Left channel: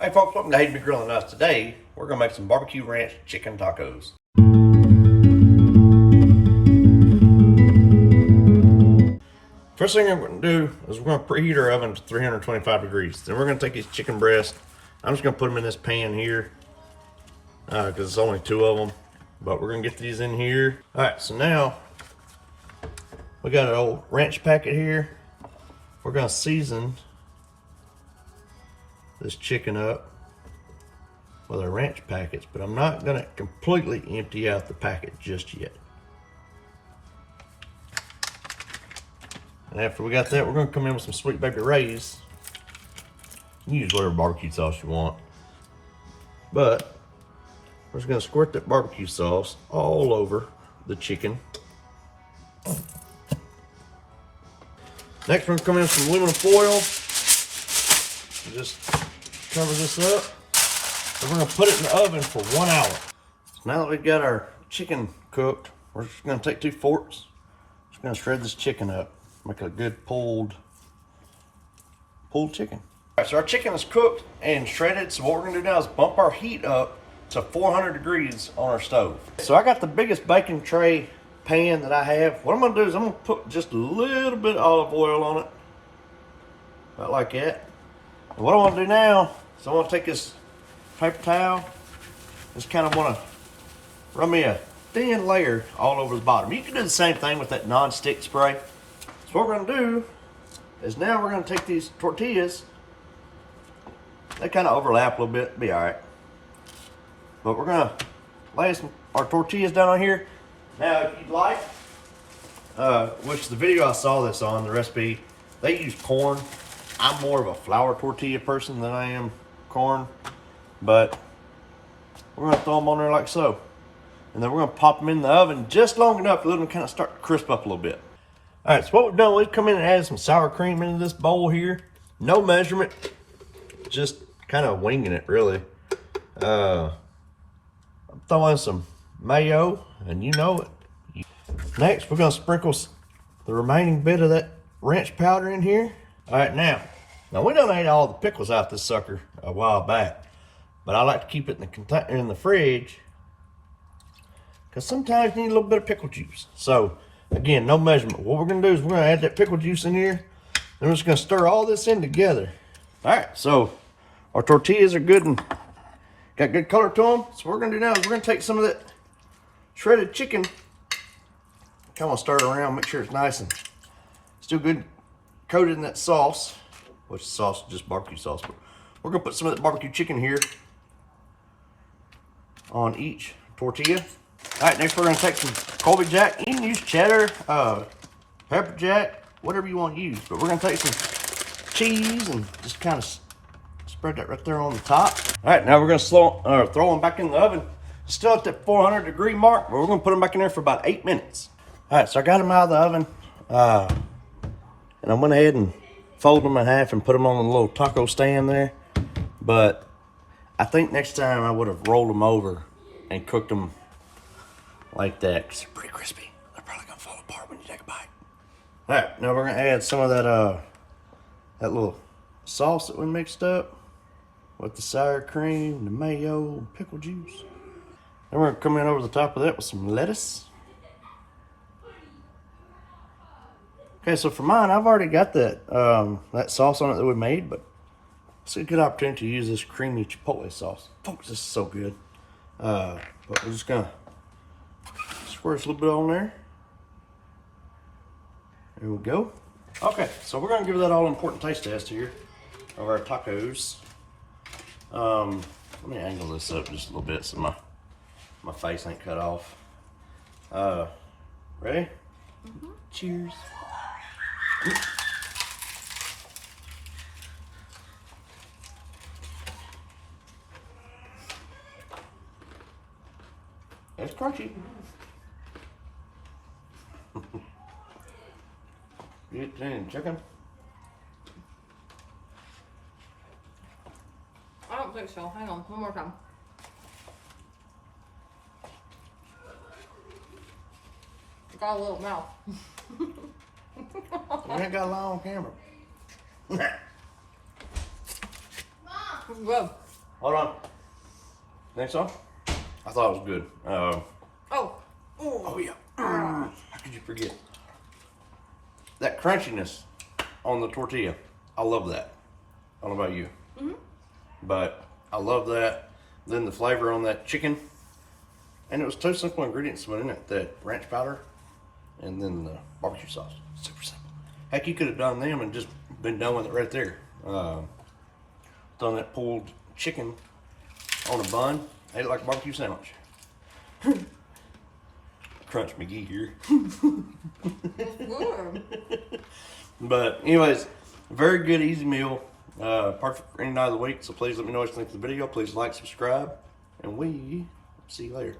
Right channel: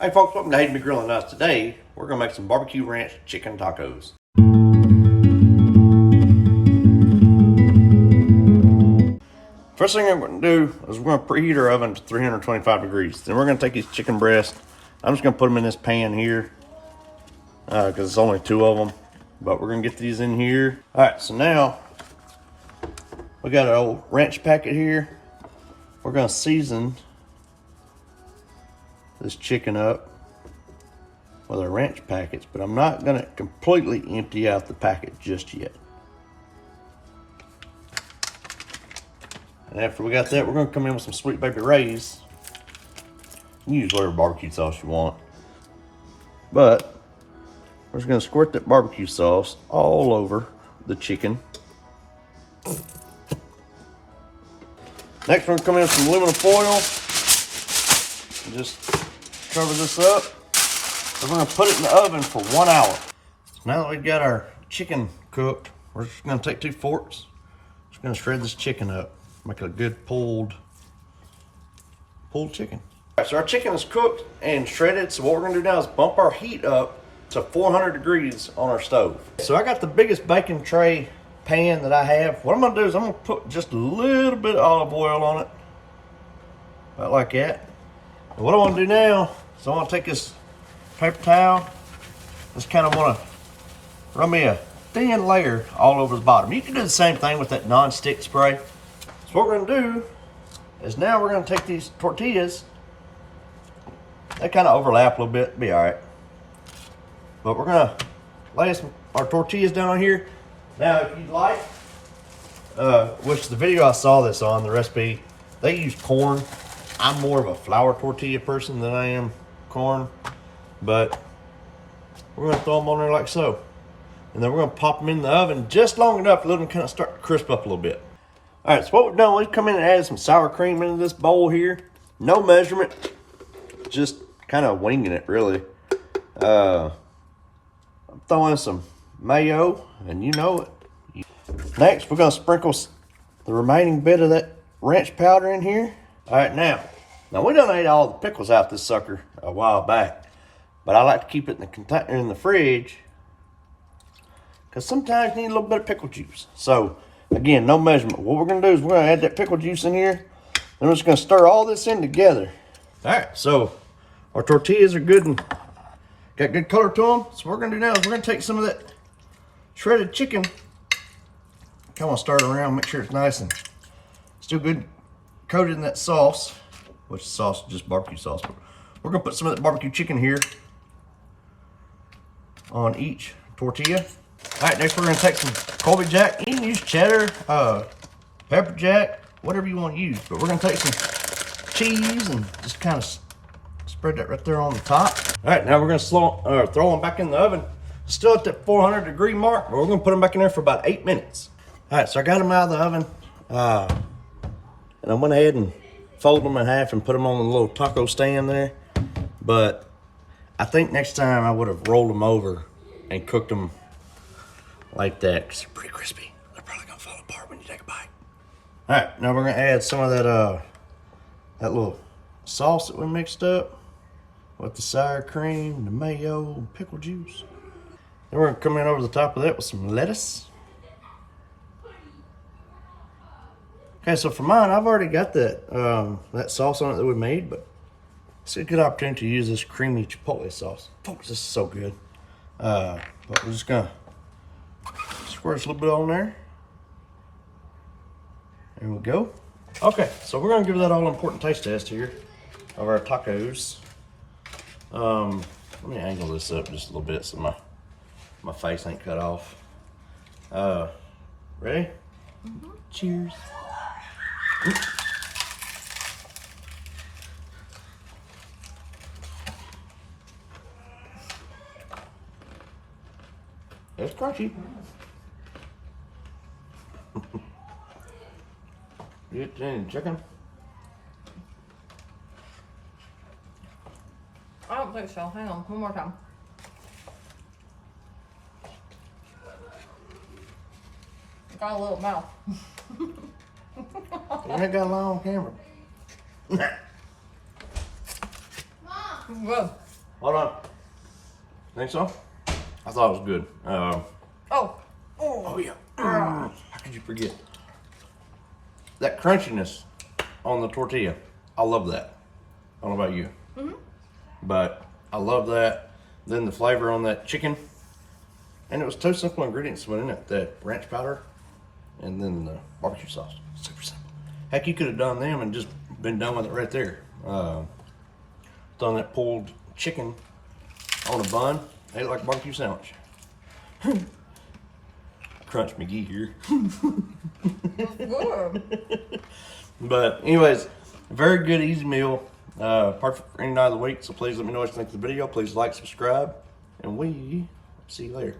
Hey folks, welcome to Hayden B Grilling Nuts. Today, we're gonna make some barbecue ranch chicken tacos. First thing we're gonna do is we're gonna preheat our oven to 325 degrees. Then we're gonna take these chicken breasts. I'm just gonna put them in this pan here because it's only 2 of them. But we're gonna get these in here. All right, so now we got an old ranch packet here. We're gonna season this chicken up with our ranch packets, but I'm not gonna completely empty out the packet just yet. And after we got that, we're gonna come in with some Sweet Baby Ray's. You can use whatever barbecue sauce you want, but we're just gonna squirt that barbecue sauce all over the chicken. Next, we're gonna come in with some aluminum foil. Just cover this up. We're gonna put it in the oven for 1 hour. So now that we've got our chicken cooked, we're just gonna take 2 forks. Just gonna shred this chicken up. Make it a good pulled chicken. All right, so our chicken is cooked and shredded. So what we're gonna do now is bump our heat up to 400 degrees on our stove. So I got the biggest baking tray pan that I have. What I'm gonna do is I'm gonna put just a little bit of olive oil on it. About like that. And what I wanna do now is I wanna take this paper towel. Just kind of wanna run me a thin layer all over the bottom. You can do the same thing with that non-stick spray. So what we're gonna do is now we're gonna take these tortillas. They kind of overlap a little bit, be all right. But we're gonna lay our tortillas down on here. Now, if you'd like, which the video I saw this on, the recipe, they use corn. I'm more of a flour tortilla person than I am corn, but we're gonna throw them on there like so. And then we're gonna pop them in the oven just long enough to let them kind of start to crisp up a little bit. All right, so what we've done, we've come in and added some sour cream into this bowl here. No measurement, just kind of winging it, really. I'm throwing some mayo, and you know it. Next, we're gonna sprinkle the remaining bit of that ranch powder in here. All right, now we done ate all the pickles out this sucker a while back, but I like to keep it in the container in the fridge because sometimes you need a little bit of pickle juice. So again, no measurement. What we're gonna do is we're gonna add that pickle juice in here, and we're just gonna stir all this in together. All right, so our tortillas are good and got good color to them. So what we're gonna do now is we're gonna take some of that shredded chicken, kind of stir it around, make sure it's nice and still good coated in that sauce, which the sauce is just barbecue sauce. But we're gonna put some of that barbecue chicken here on each tortilla. All right, next we're gonna take some Colby Jack. You can use cheddar, pepper jack, whatever you want to use. But we're gonna take some cheese and just kind of spread that right there on the top. All right, now we're gonna throw them back in the oven. Still at that 400 degree mark, but we're gonna put them back in there for about 8 minutes. All right, so I got them out of the oven. And I went ahead and folded them in half and put them on a little taco stand there. But I think next time I would have rolled them over and cooked them like that, because they're pretty crispy. They're probably gonna fall apart when you take a bite. All right, now we're gonna add some of that that little sauce that we mixed up with the sour cream, the mayo, and pickle juice. Then we're gonna come in over the top of that with some lettuce. Okay, so for mine, I've already got that sauce on it that we made, but it's a good opportunity to use this creamy chipotle sauce. Folks, this is so good. But we're just gonna squirt a little bit on there. There we go. Okay, so we're gonna give that all important taste test here of our tacos. Let me angle this up just a little bit so my face ain't cut off. Ready? Mm-hmm. Cheers. It's crunchy. Get any chicken? I don't think so. Hang on, one more time. Got a little mouth. You ain't got a lie on camera. Mom. Good. Hold on. Think so? I thought it was good. Oh, Oh yeah. How could you forget? That crunchiness on the tortilla. I love that. I don't know about you. But I love that. Then the flavor on that chicken. And it was two simple ingredients went in it. That ranch powder and then the barbecue sauce. Super simple. Heck, you could have done them and just been done with it right there. Done that pulled chicken on a bun. Ate it like a barbecue sandwich. Crunch McGee here. it's good. But anyways, very good, easy meal. Perfect for any night of the week. So please let me know what you think of the video. Please like, subscribe, and we see you later.